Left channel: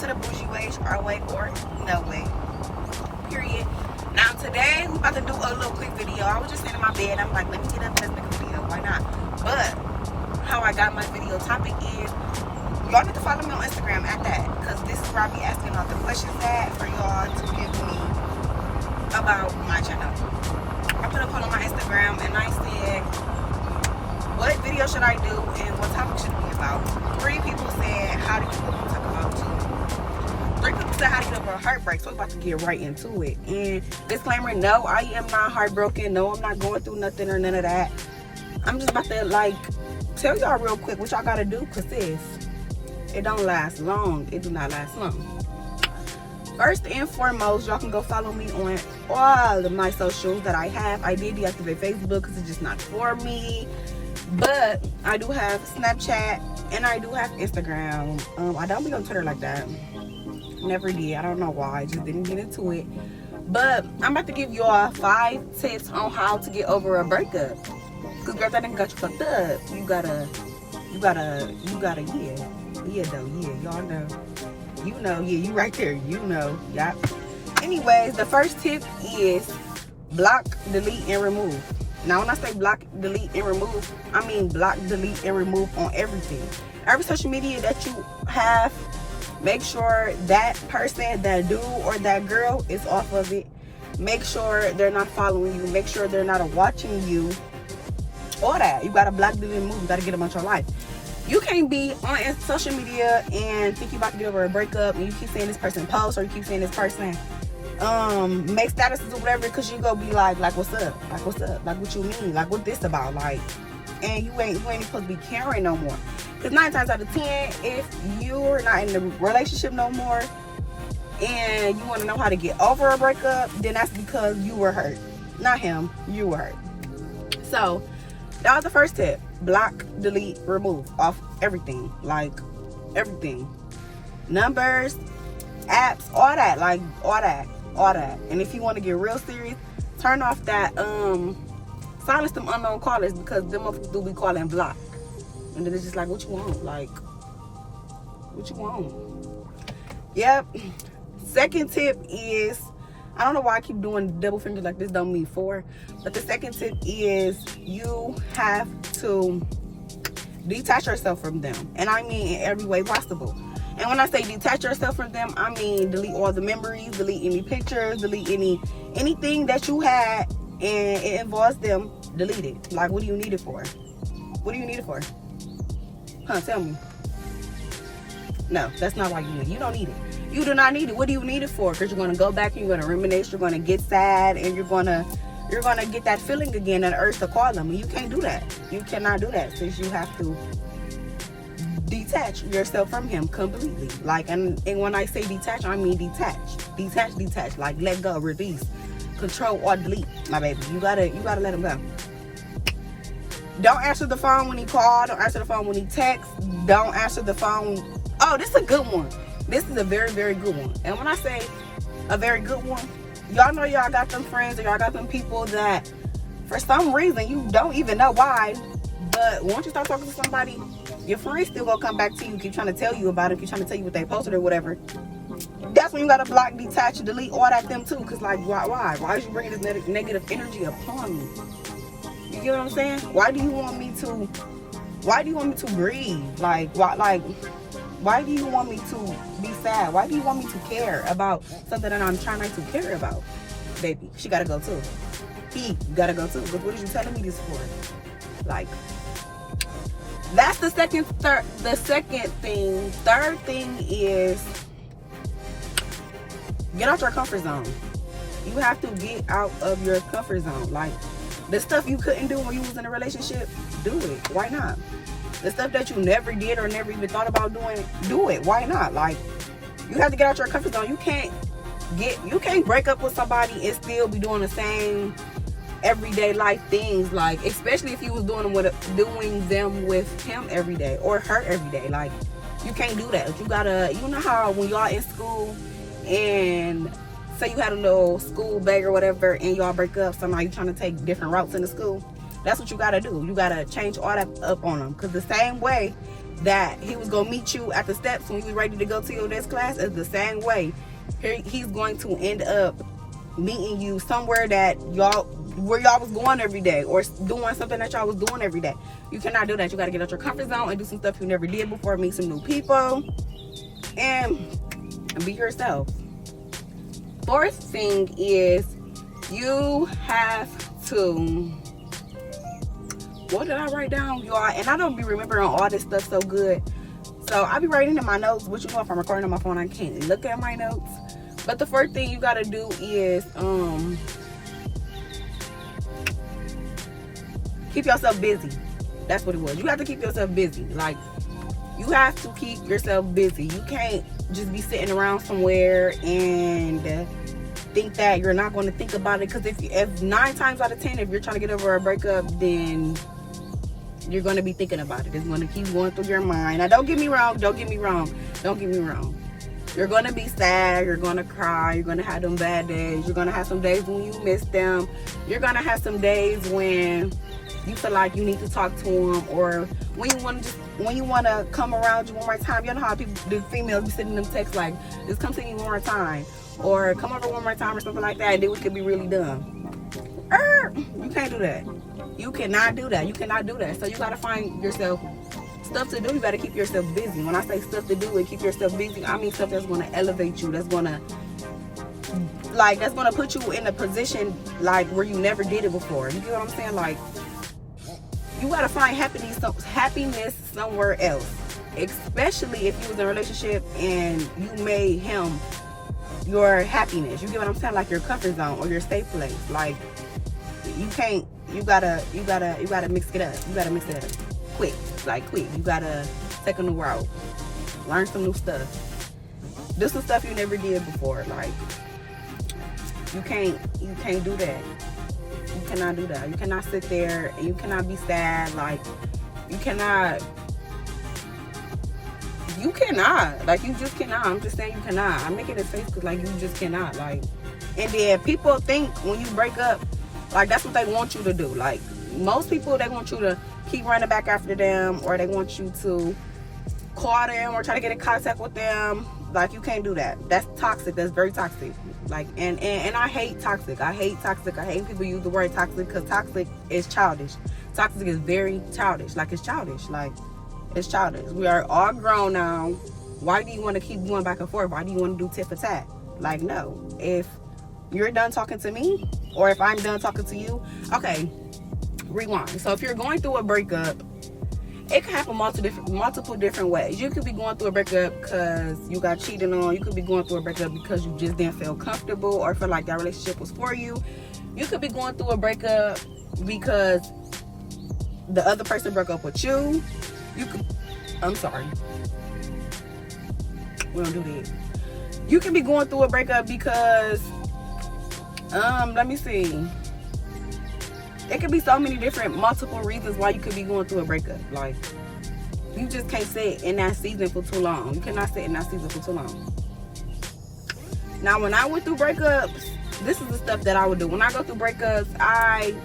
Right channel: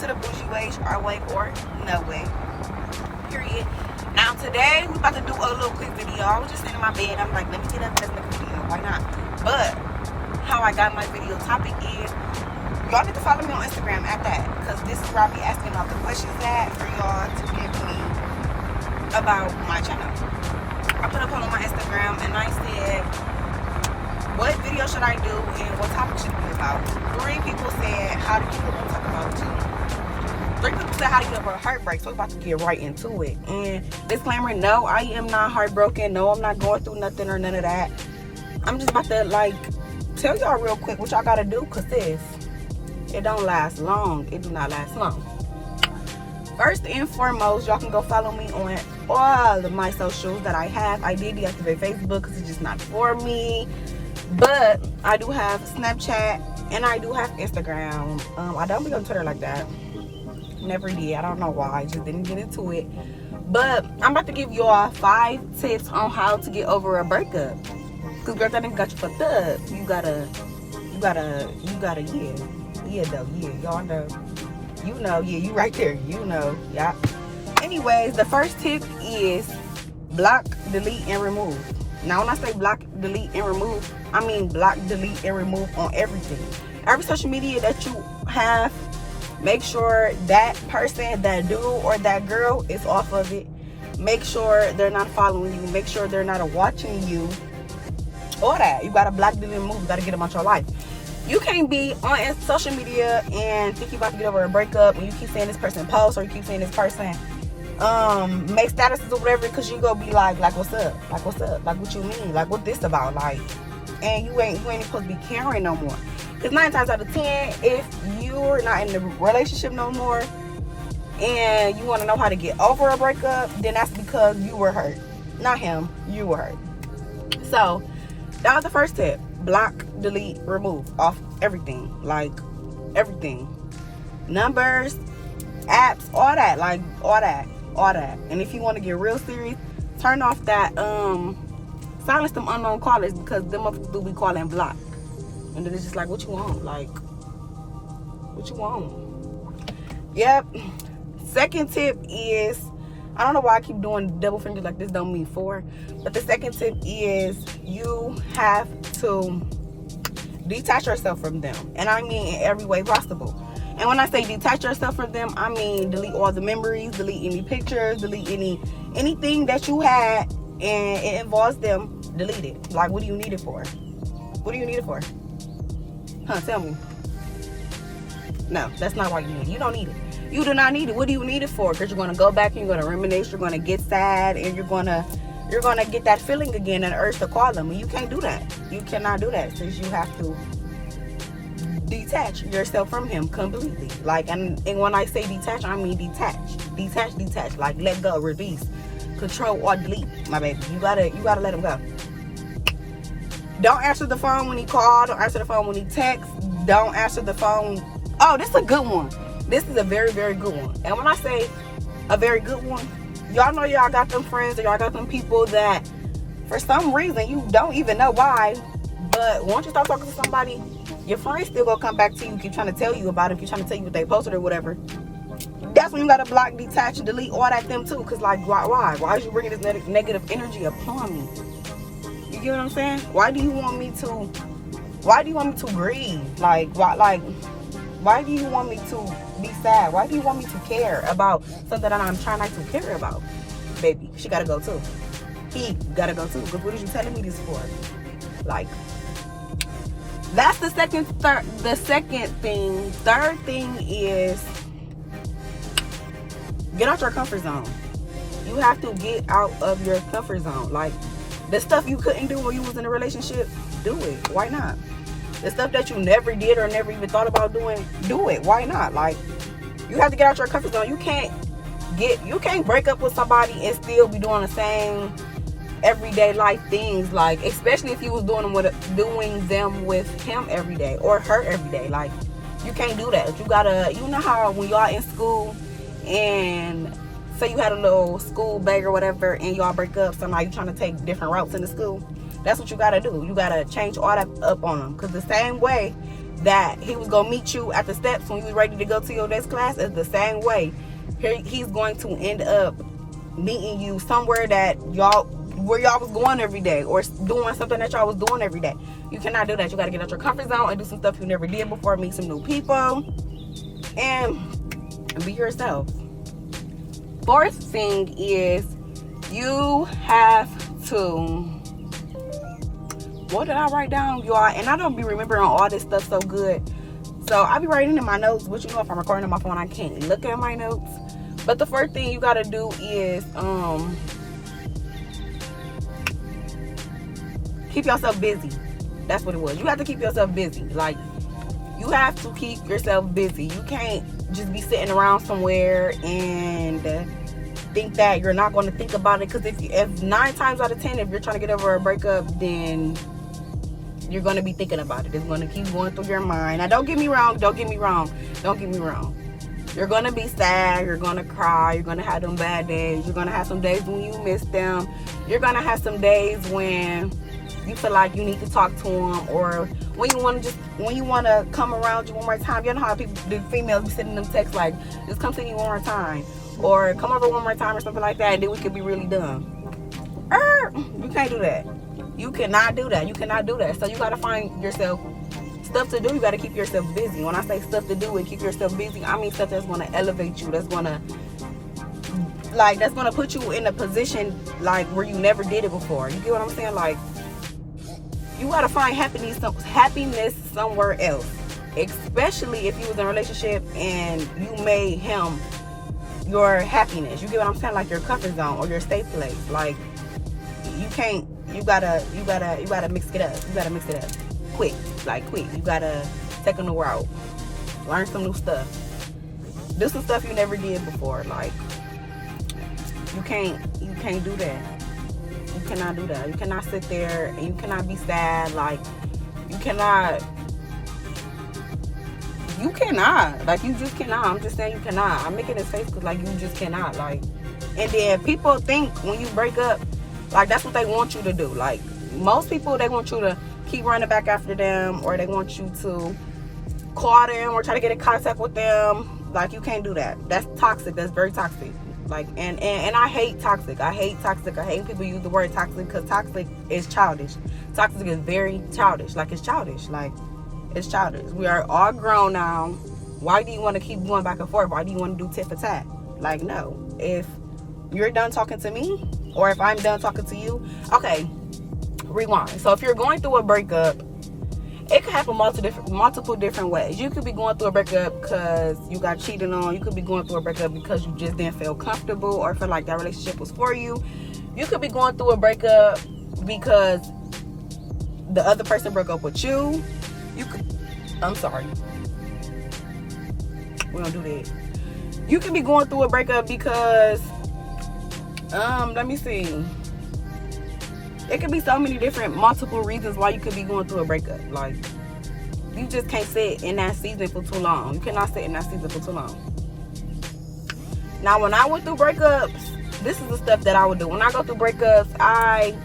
to the bougie way, our way, or no way. Period. Now today we about to do a little quick video. I was just sitting in my bed. I'm like, let me get up and make a video. Why not? But how I got my video topic is y'all need to follow me on Instagram at that, because this is where I'll be asking all the questions at for y'all to give me about my channel. I put up on my Instagram and I said, what video should I do and what topic should it be about? 3 people said, how do you live on top of 2? 3 people said, how do you live with a heartbreak? So we're about to get right into it. And disclaimer, no, I am not heartbroken. No, I'm not going through nothing or none of that. I'm just about to tell y'all real quick what y'all gotta do, because this, it don't last long. It do not last long. First and foremost, y'all can go follow me on all of my socials that I have. I did deactivate Facebook because it's just not for me. But I do have Snapchat and I do have Instagram. I don't be on Twitter like that. Never did. I don't know why. I just didn't get into it. But I'm about to give y'all 5 tips on how to get over a breakup. Because girls, I didn't got you fucked up. You gotta, y'all know. You know, yeah, you right there. You know, yeah. Anyways, the first tip is block, delete, and remove. Now, when I say block, delete, and remove, I mean block, delete, and remove on everything. Every social media that you have, make sure that person, that dude, or that girl is off of it. Make sure they're not following you. Make sure they're not watching you. All that. You gotta block, delete, and remove. You gotta get them out your life. You can't be on social media and think you're about to get over a breakup and you keep saying this person posts, or you keep saying this person make statuses or whatever, because you go be like what's up? Like what's up? Like what you mean? Like what this about? Like, and you ain't supposed to be caring no more. Because 9 times out of 10, if you're not in the relationship no more and you want to know how to get over a breakup, then that's because you were hurt. Not him, you were hurt. So that was the first tip. Block, delete, remove off everything. Like everything. Numbers, apps, all that. Like all that. And if you want to get real serious, turn off that silence them unknown callers, because them motherfuckers do be calling block. And then it's just like, what you want? Like, what you want? Yep. Second tip is, I don't know why I keep doing double fingers like this, don't mean 4. But the second tip is you have to detach yourself from them. And I mean in every way possible. And when I say detach yourself from them, I mean delete all the memories, delete any pictures, delete anything that you had and it involves them, delete it. Like, what do you need it for? What do you need it for? Huh, tell me. No, that's not why you need it. You don't need it. You do not need it. What do you need it for? Because you're going to go back and you're going to reminisce, you're going to get sad, and you're going to get that feeling again, that urge to call them. And you can't do that. You cannot do that, since you have to detach yourself from him completely. Like, and when I say detach, I mean detach. Detach. Like, let go, release, control, or delete, my baby. You gotta let him go. Don't answer the phone when he called. Don't answer the phone when he texts. Don't answer the phone. Oh, this is a good one. This is a very, very good one. And when I say a very good one, y'all know y'all got them friends or y'all got them people that for some reason you don't even know why, but once you start talking to somebody, your friends still gonna come back to you, keep trying to tell you about it, keep trying to tell you what they posted or whatever. That's when you gotta block, detach, delete all that them too. Because like, why is you bringing this negative energy upon me? You get what I'm saying? Why do you want me to grieve? Like, why do you want me to be sad? Why do you want me to care about something that I'm trying not to care about? Baby, she gotta go too. He gotta go too. But what are you telling me this for? Like, that's the second thing. Third thing is get out your comfort zone. You have to get out of your comfort zone. Like, the stuff you couldn't do when you was in a relationship, do it. Why not? The stuff that you never did or never even thought about doing, do it. Why not? Like, you have to get out your comfort zone. You can't break up with somebody and still be doing the same everyday life things. Like, especially if you was doing them with him every day or her every day. Like, you can't do that. You gotta, you know how when y'all in school and say you had a little school bag or whatever and y'all break up, somehow you trying to take different routes in the school. That's what you gotta do. You gotta change all that up on them. Because the same way that he was gonna meet you at the steps when you was ready to go to your next class is the same way. He's going to end up meeting you somewhere that y'all was going every day, or doing something that y'all was doing every day. You cannot do that. You got to get out your comfort zone and do some stuff you never did before, meet some new people, and be yourself. Fourth thing is you have to, what did I write down, y'all? And I don't be remembering all this stuff so good. So I be writing in my notes, but you know, if I'm recording on my phone, I can't look at my notes. But the first thing you gotta do is keep yourself busy. That's what it was. You have to keep yourself busy. Like, you have to keep yourself busy. You can't just be sitting around somewhere and think that you're not going to think about it. Because if 9 times out of 10, if you're trying to get over a breakup, then you're going to be thinking about it. It's going to keep going through your mind. Now, don't get me wrong. You're going to be sad. You're going to cry. You're going to have them bad days. You're going to have some days when you miss them. You're going to have some days when you feel like you need to talk to them, or when you want to come around you one more time. You know how the females be sending them texts like, just come see you one more time, or come over one more time, or something like that, and then we could be really done. You can't do that. You cannot do that. You cannot do that. So you got to find yourself stuff to do. You got to keep yourself busy. When I say stuff to do and keep yourself busy, I mean stuff that's going to elevate you, that's going to put you in a position like where you never did it before. You get what I'm saying? Like, you gotta find happiness somewhere else, especially if you was in a relationship and you made him your happiness. You get what I'm saying? Like your comfort zone or your safe place. Like, you gotta mix it up. You gotta mix it up quick. You gotta take a new route, learn some new stuff, do some stuff you never did before. Like, you can't do that. You cannot do that. You cannot sit there and you cannot be sad. Like, you cannot. Like, you just cannot. I'm just saying you cannot. I'm making it face because, like, you just cannot. Like, and then people think when you break up, like, that's what they want you to do. Like, most people, they want you to keep running back after them, or they want you to call them or try to get in contact with them. Like, you can't do that. That's toxic. That's very toxic. Like, and I hate toxic. I hate people use the word toxic, because toxic is childish. Toxic is very childish. Like, it's childish. Like, it's childish. We are all grown now. Why do you want to keep going back and forth? Why do you want to do tit for tat? Like, no. If you're done talking to me, or if I'm done talking to you, okay, rewind. So if you're going through a breakup, it could happen multiple different ways. You could be going through a breakup because you got cheated on. You could be going through a breakup because you just didn't feel comfortable or feel like that relationship was for you. You could be going through a breakup because the other person broke up with you. I'm sorry. We don't do that. You could be going through a breakup because, let me see. It could be so many multiple reasons why you could be going through a breakup. Like, you just can't sit in that season for too long. You cannot sit in that season for too long. Now, when I went through breakups, this is the stuff that I would do. When I go through breakups,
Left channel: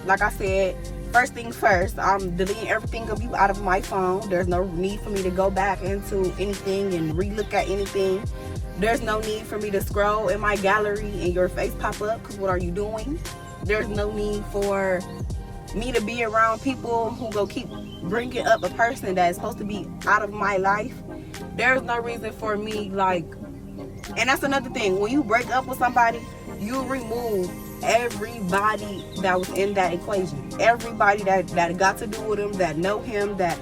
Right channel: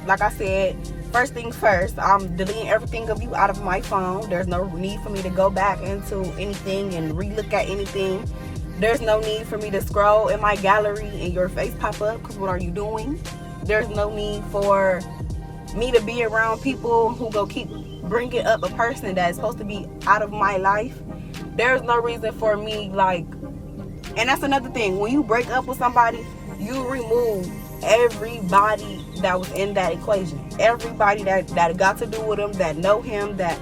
like I said, first thing first, I'm deleting everything of you out of my phone. There's no need for me to go back into anything and re-look at anything. There's no need for me to scroll in my gallery and your face pop up, because what are you doing? There's no need for me to be around people who go keep bringing up a person that's supposed to be out of my life. There's no reason for me, like, and that's another thing. When you break up with somebody, you remove everybody that was in that equation. Everybody that got to do with him, that know him, that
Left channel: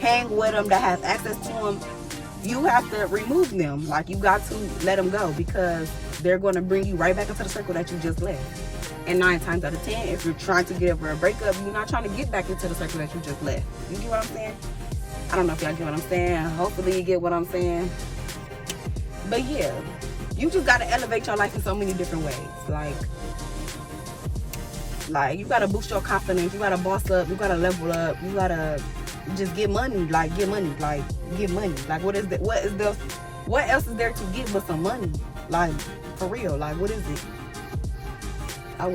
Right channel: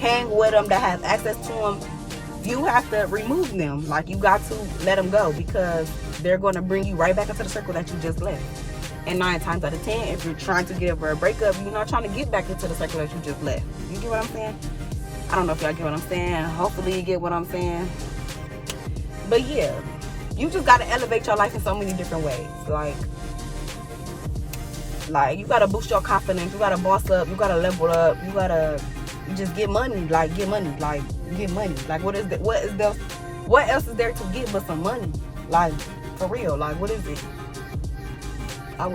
hang with him, that has access to him. You have to remove them. Like, you got to let them go, because they're going to bring you right back into the circle that you just left. And 9 times out of 10, if you're trying to get over a breakup, you're not trying to get back into the circle that you just left. You get what I'm saying? I don't know if y'all get what I'm saying. Hopefully you get what I'm saying. But yeah, you just got to elevate your life in so many different ways. Like, you got to boost your confidence. You got to boss up. You got to level up. You got to just get money. Like, get money. Like, get money. Like, what else is there to get but some money? Like, for real. Like, what is it? I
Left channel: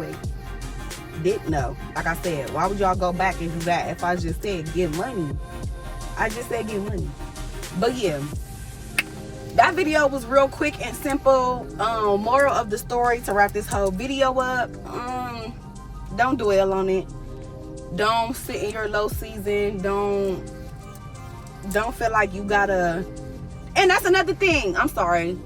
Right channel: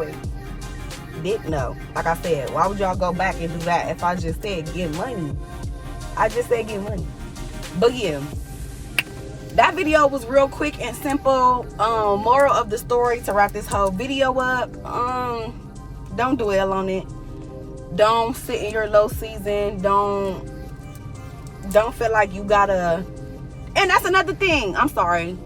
didn't know. Like I said, why would y'all go back and do that if I just said get money? I just said get money. But yeah, that video was real quick and simple. Moral of the story to wrap this whole video up, don't dwell on it. Don't sit in your low season. Don't feel like you gotta. And that's another thing, I'm sorry,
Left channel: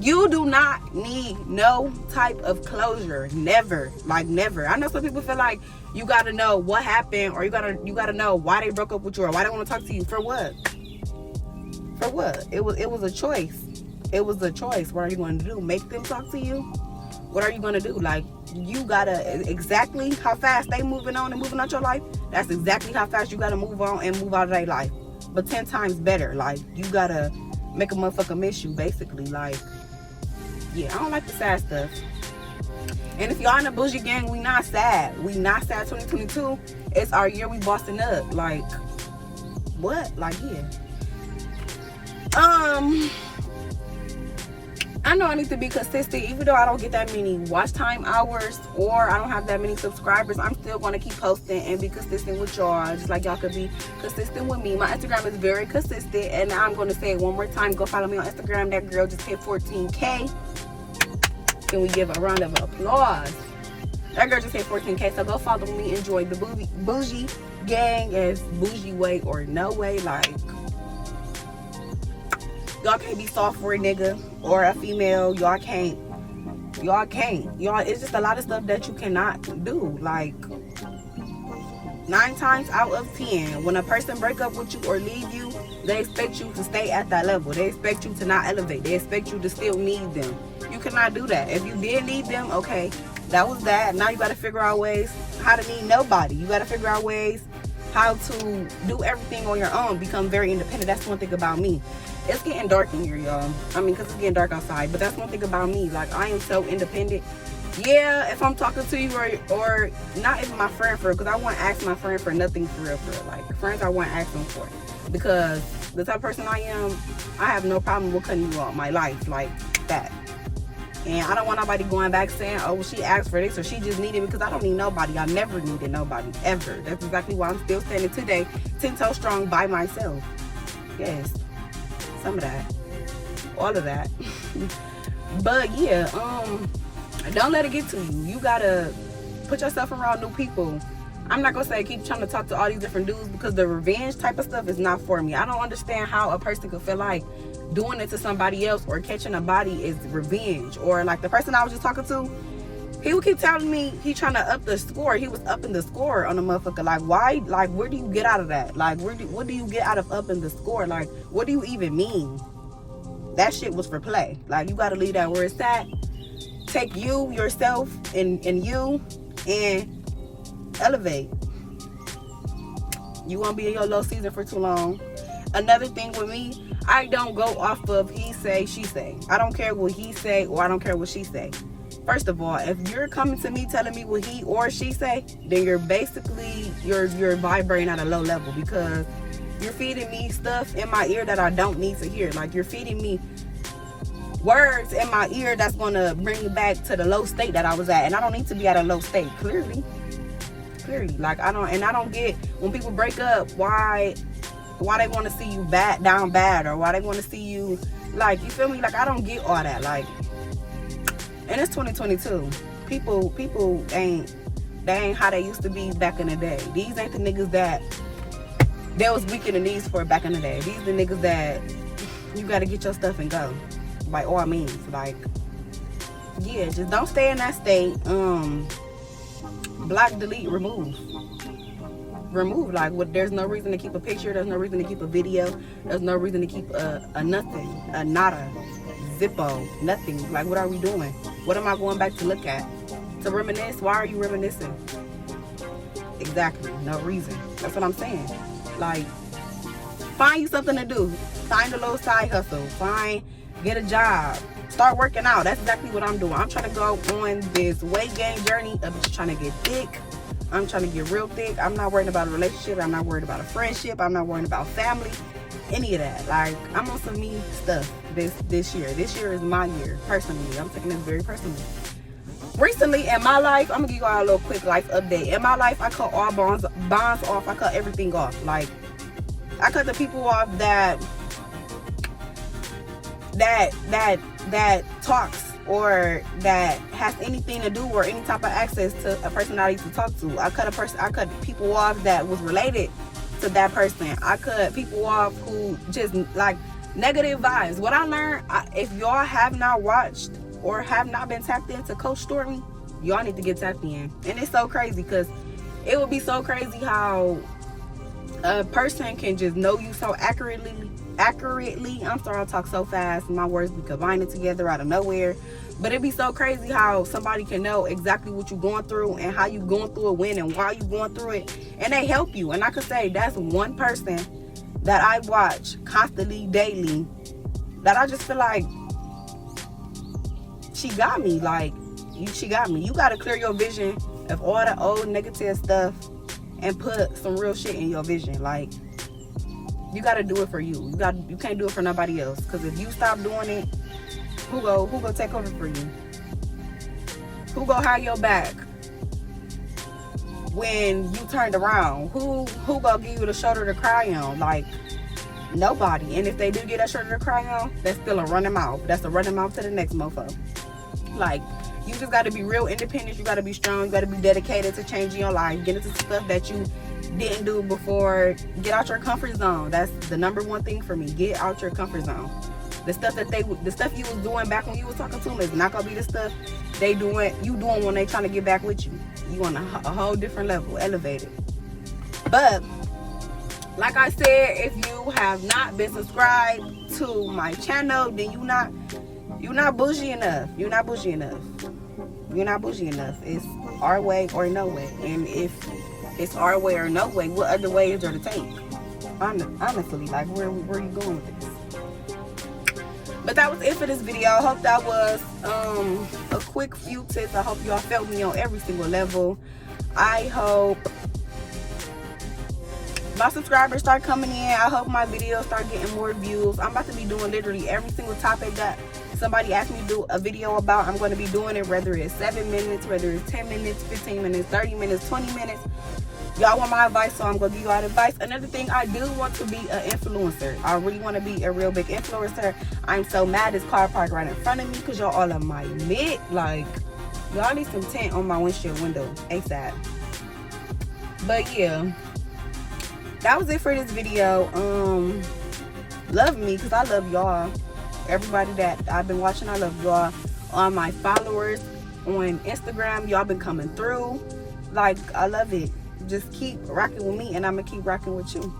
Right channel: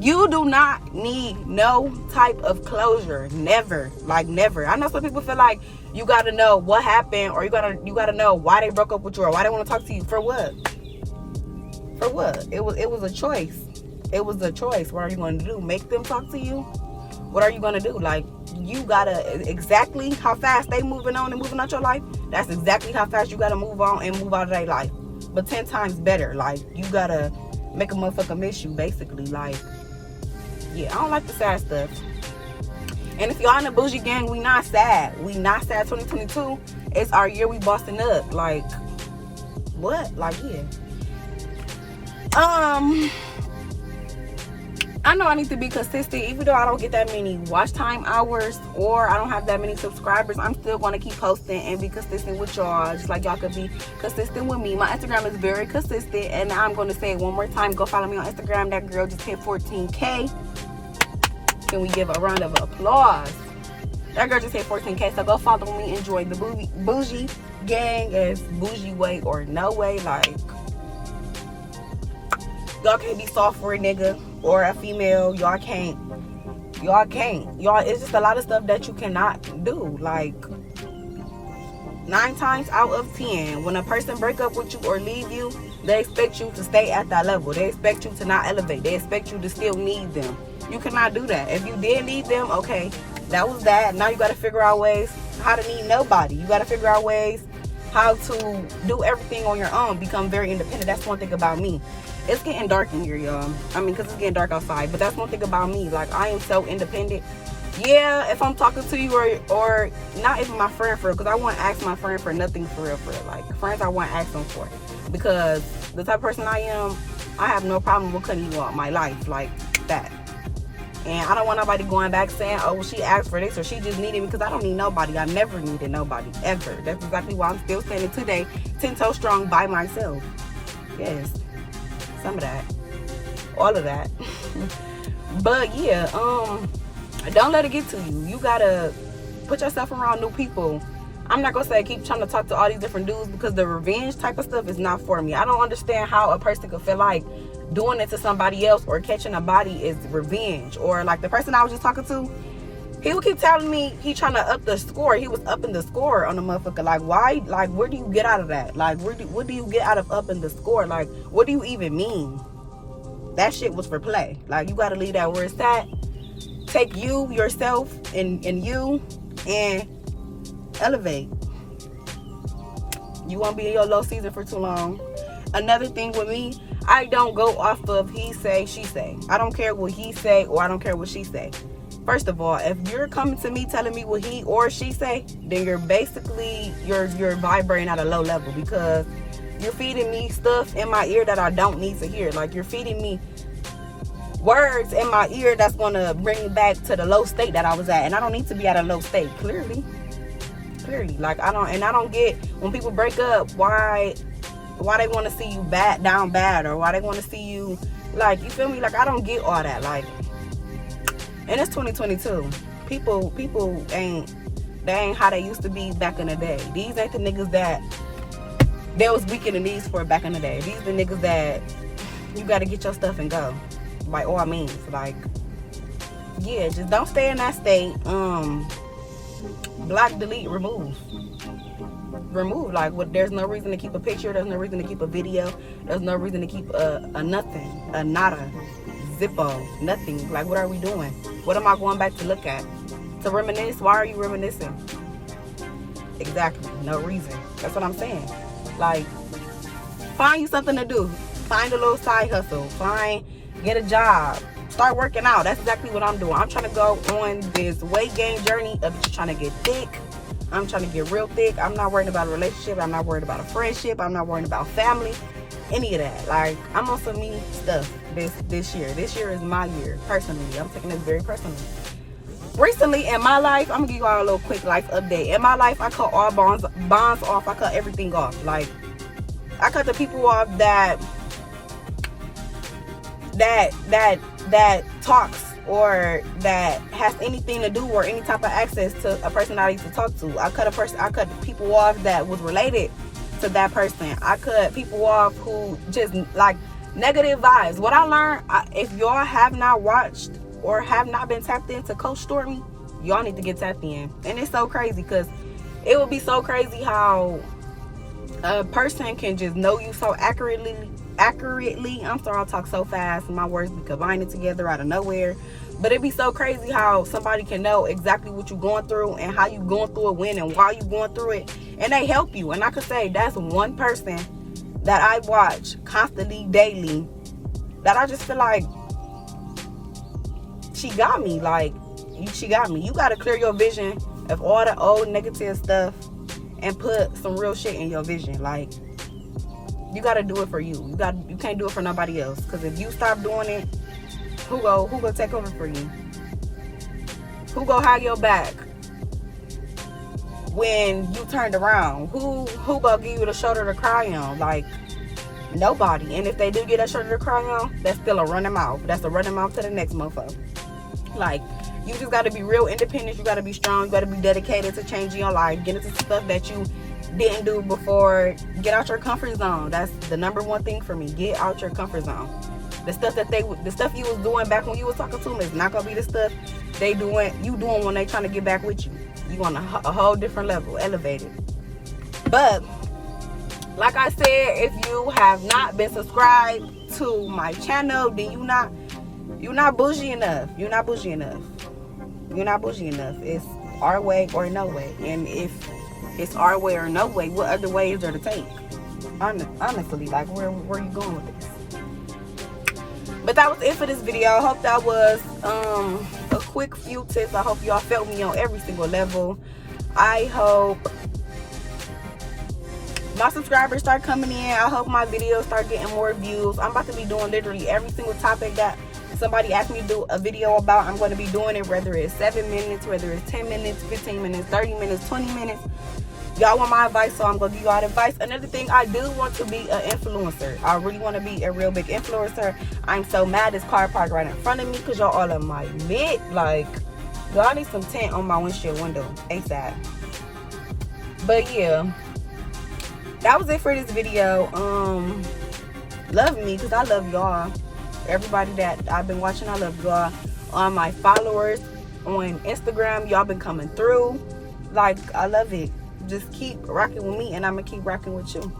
you do not need no type of closure. Never. Like never. I know some people feel like you gotta know what happened, or you gotta know why they broke up with you, or why they want to talk to you. For what? For what? It was a choice. It was a choice. What are you going to do? Make them talk to you? What are you going to do? Like, you gotta, exactly how fast they moving on and moving out your life, that's exactly how fast you gotta move on and move out of their life. But 10 times better. Like, you gotta make a motherfucker miss you, basically. Like, yeah, I don't like the sad stuff. And if y'all in the bougie gang, we not sad. We not sad. 2022, it's our year. We busting up. Like, what? Like, yeah. I know I need to be consistent. Even though I don't get that many watch time hours, or I don't have that many subscribers, I'm still going to keep posting and be consistent with y'all, just like y'all could be consistent with me. My Instagram is very consistent, and I'm going to say it one more time. Go follow me on Instagram. That girl just hit 14K. Can we give a round of applause? That girl just hit 14K, so go follow me. Enjoy the bougie gang, as bougie way or no way. Like, y'all can't be soft for a nigga or a female. Y'all can't. It's just a lot of stuff that you cannot do. Like, 9 times out of 10, when a person break up with you or leave you, they expect you to stay at that level. They expect you to not elevate. They expect you to still need them. You cannot do that. If you did need them, okay, that was that. Now you got to figure out ways how to need nobody. You got to figure out ways how to do everything on your own. Become very independent. That's one thing about me. It's getting dark in here, y'all. I mean, because it's getting dark outside. But that's one thing about me. Like, I am so independent. Yeah, if I'm talking to you, or not even my friend for real, because I won't ask my friend for nothing for real. Like, friends I won't ask them for. Because the type of person I am, I have no problem with cutting you off my life like that. And I don't want nobody going back saying, oh, well, she asked for this or she just needed me, because I don't need nobody. I never needed nobody, ever. That's exactly why I'm still standing today, 10 toes strong by myself. Yes, some of that, all of that. But yeah, don't let it get to you. You gotta put yourself around new people. I'm not gonna say keep trying to talk to all these different dudes, because the revenge type of stuff is not for me. I don't understand how a person could feel like doing it to somebody else or catching a body is revenge. Or like the person I was just talking to, he would keep telling me he trying to up the score. He was upping the score on the motherfucker. Like, why? Like, where do you get out of that? Like, what do you get out of upping the score? Like, what do you even mean? That shit was for play. Like, you gotta leave that where it's at. Take you, yourself, and you, and elevate. You won't be in your low season for too long. Another thing with me, I don't go off of he say, she say. I don't care what he say, or I don't care what she say. First of all, if you're coming to me telling me what he or she say, then you're basically, you're vibrating at a low level, because you're feeding me stuff in my ear that I don't need to hear. Like, you're feeding me words in my ear that's gonna bring me back to the low state that I was at, and I don't need to be at a low state. Clearly. Like, I don't get when people break up why they want to see you down bad, or why they want to see you, like, you feel me? Like, I don't get all that. Like, and it's 2022. People ain't how they used to be back in the day. These ain't the niggas that was weak in the knees for back in the day. These the niggas that you got to get your stuff and go, by all means. Like, yeah, just don't stay in that state. Block, delete, remove. Like, there's no reason to keep a picture. There's no reason to keep a video. There's no reason to keep a nothing, a nada, zippo, nothing. Like, what are we doing? What am I going back to look at? To reminisce? Why are you reminiscing? Exactly, no reason. That's what I'm saying. Like, find you something to do. Find a little side hustle. Get a job. Start working out. That's exactly what I'm doing. I'm trying to go on this weight gain journey of just trying to get thick. I'm trying to get real thick. I'm not worried about a relationship. I'm not worried about a friendship. I'm not worried about family. Any of that. Like, I'm on some me stuff this year. This year is my year, personally. I'm taking this very personally. Recently in my life, I'm gonna give you all a little quick life update. In my life, I cut all bonds off. I cut everything off. Like, I cut the people off that that talks or that has anything to do or any type of access to a person I used to talk to. I cut people off that was related to that person. I cut people off who just like negative vibes. What I learned, if y'all have not watched or have not been tapped into Coach Stormy, y'all need to get tapped in. And it's so crazy because it would be so crazy how a person can just know you so accurately. I'm sorry, I'll talk so fast. My words be combining together out of nowhere. But it'd be so crazy how somebody can know exactly what you're going through and how you going through it, when and why you going through it. And they help you. And I could say that's one person that I watch constantly, daily, that I just feel like she got me. Like, she got me. You got to clear your vision of all the old negative stuff and put some real shit in your vision. Like, you got to do it for you. You can't do it for nobody else. Because if you stop doing it, who go take over for you? Who go have your back when you turned around? Who gonna give you the shoulder to cry on? Like, nobody. And if they do get that shoulder to cry on, that's still a running mouth. That's a running mouth to the next motherfucker. Like, you just got to be real independent. You got to be strong. You got to be dedicated to changing your life. Get into stuff that you didn't do before. Get out your comfort zone. That's the number one thing for me. Get out your comfort zone. The stuff you was doing back when you was talking to them is not gonna be the stuff you doing when they trying to get back with you. You on a whole different level, elevated. But like I said, if you have not been subscribed to my channel, then you're not bougie enough. You're not bougie enough. You're not bougie enough. It's our way or no way. And if it's our way or no way, what other way is there to take? Honestly, like, where you going with this? But that was it for this video. I hope that was a quick few tips. I hope y'all felt me on every single level. I hope my subscribers start coming in. I hope my videos start getting more views. I'm about to be doing literally every single topic that somebody asked me to do a video about. I'm going to be doing it, whether it's 7 minutes, whether it's 10 minutes, 15 minutes, 30 minutes, 20 minutes. Y'all want my advice, so I'm going to give y'all advice. Another thing, I do want to be an influencer. I really want to be a real big influencer. I'm so mad this car parked right in front of me because y'all all in my mid. Like, y'all need some tint on my windshield window ASAP. But yeah, that was it for this video. Love me, because I love y'all. Everybody that I've been watching, I love y'all. My followers on Instagram, y'all been coming through. Like, I love it. Just keep rocking with me, and I'm gonna keep rocking with you.